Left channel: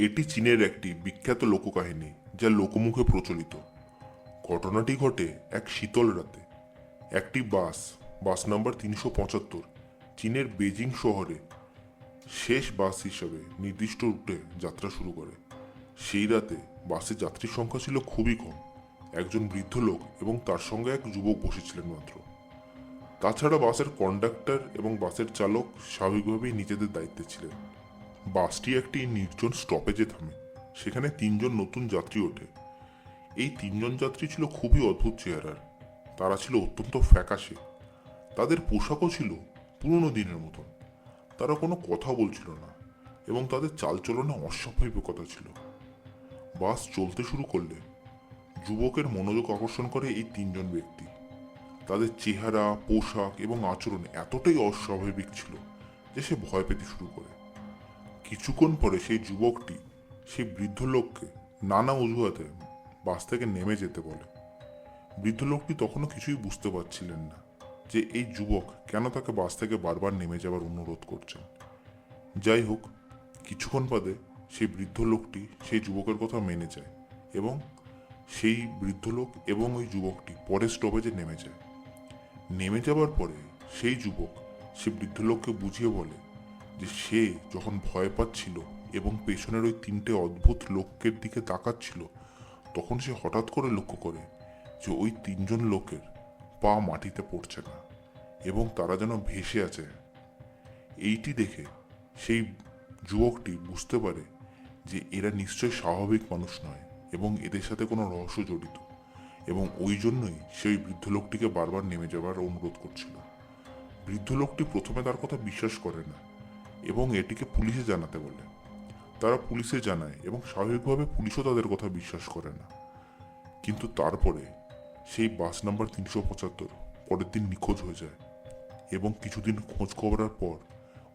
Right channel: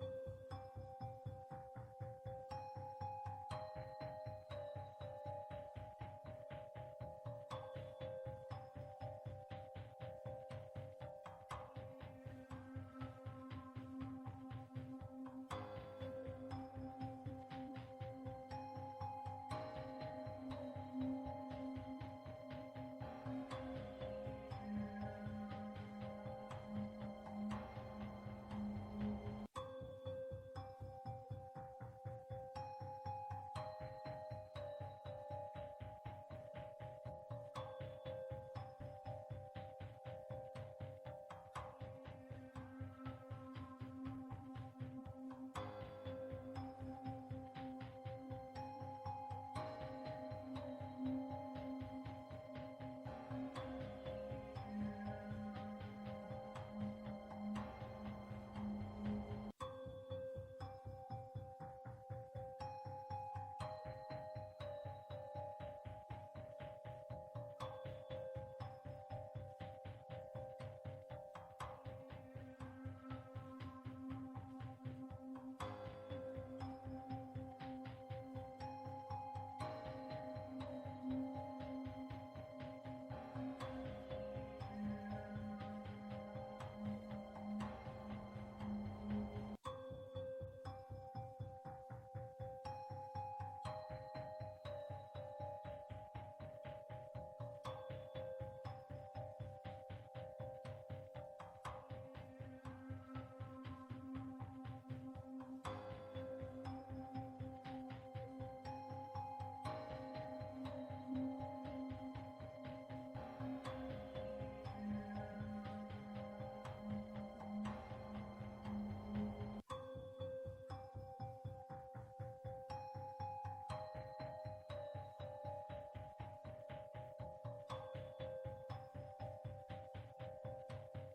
এটি চীনের একটি বিখ্যাত লোককাহিনী যা লোকমুখে প্রচলিত। ঘটনাটি ঘটে এক শীতল রাতে। একটি বাস নাম্বার 375 চীনের বেজিং শহরে শেষ বাস হিসেবে নির্দিষ্ট রুটে যাত্রা শুরু করে। সেই রাতে বাসে যাত্রীর সংখ্যা ছিল খুবই কম। একজন বৃদ্ধ লোক এবং তার সঙ্গে এক যুবক বসেছিলেন মাত্র। তাছাড়া বাসের কন্ডাক্টর এবং বাসের চালক স্বাভাবিকভাবেই নিজেদের দায়িত্বে ছিলেন। বাসটি একটি নির্জন স্টপেজে থামে। সেখানে তিনজন নতুন যাত্রী ওঠে। এই তিনজন যাত্রী ছিল খুবই অদ্ভুত চেহারার। তারা ছিল অত্যন্ত ফ্যাকাশে। তাদের পোশাকও ছিল পুরনো দিনের মতন। তারা কোনো কথা বলছিল না এবং তাদের চালচলনে অস্বাভাবিকতা ছিল। বাস চলতে শুরু করলে যুবকের মনোযোগ আকর্ষণ করে এই তিনজন ব্যক্তি। তাদের চেহারা, পোশাক এবং আচরণ এতটাই অস্বাভাবিক ছিল যে সে ভয় পেতে শুরু করে। কিছুক্ষণ পরে সেই যুবকটি সেই বৃদ্ধ লোককে নানা অজুহাতে বাস থেকে নেমে যেতে বলে। বৃদ্ধ লোকটি তখনও কিছুই বুঝতে পারছিলেন না যে এই যুবক কেন তাকে বাস থেকে বারবার নেমে যাওয়ার অনুরোধ করছেন। যাই হোক, কিছুক্ষণ বাদে সেই বৃদ্ধ লোকটি সেই যুবকের কথা মেনে যায় এবং সেই বৃদ্ধ লোক এবং ওই যুবকটি পরের স্টপেজে নেমে যায়। নেমে যাবার পরে সেই যুবক সে বৃদ্ধ লোককে বুঝিয়ে বলে যে সে যখন ভয় পাচ্ছিল এবং পেছনের ওই তিনটে অদ্ভুত লোকের দিকে তাকাচ্ছিল, তখন সে হঠাৎ করে লক্ষ্য করে যে ওই তিনজন লোকের পা মাটিতে পড়ছে না এবং তারা যেন ভেসে আছে। এইটি দেখে সেই যুবকটি বুঝতে পারে যে এরা নিশ্চয় স্বাভাবিক মানুষ নয় এবং এদের সাথে কোনো রহস্য জড়িত, এবং ওই জন্যই সেই বৃদ্ধ লোকটিকে বারবার নেমে যাওয়ার অনুরোধ করছিল। বৃদ্ধ লোকটি প্রথমে তার কথা বিশ্বাস করে না এবং এটিকে পুলিশে জানাতে বলে। তারা পুলিশে জানায় এবং স্বাভাবিকভাবে পুলিশও তাদের কথা বিশ্বাস করে না। কিন্তু তারপরে সেই বাস নাম্বার 375 পরের দিন নিখোঁজ হয়ে যায় এবং কিছুদিন খোঁজ করার পর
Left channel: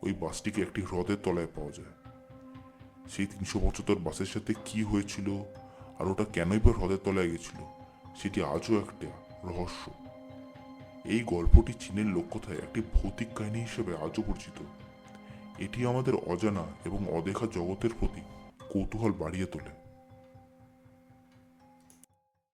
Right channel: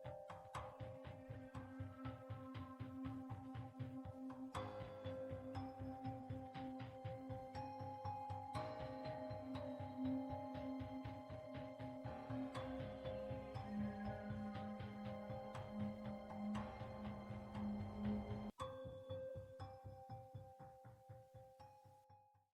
ওই বাসটিকে একটি হ্রদের তলায় পাওয়া যায়। সেই 375 বাসের সাথে কি হয়েছিল আর ওটা কেনই বা হ্রদের তলায় গেছিল, সেটি আজও একটা রহস্য। এই গল্পটি চীনের লোককথায় একটি ভৌতিক কাহিনী হিসেবে আজও পরিচিত। এটি আমাদের অজানা এবং অদেখা জগতের প্রতি কৌতূহল বাড়িয়ে তোলে।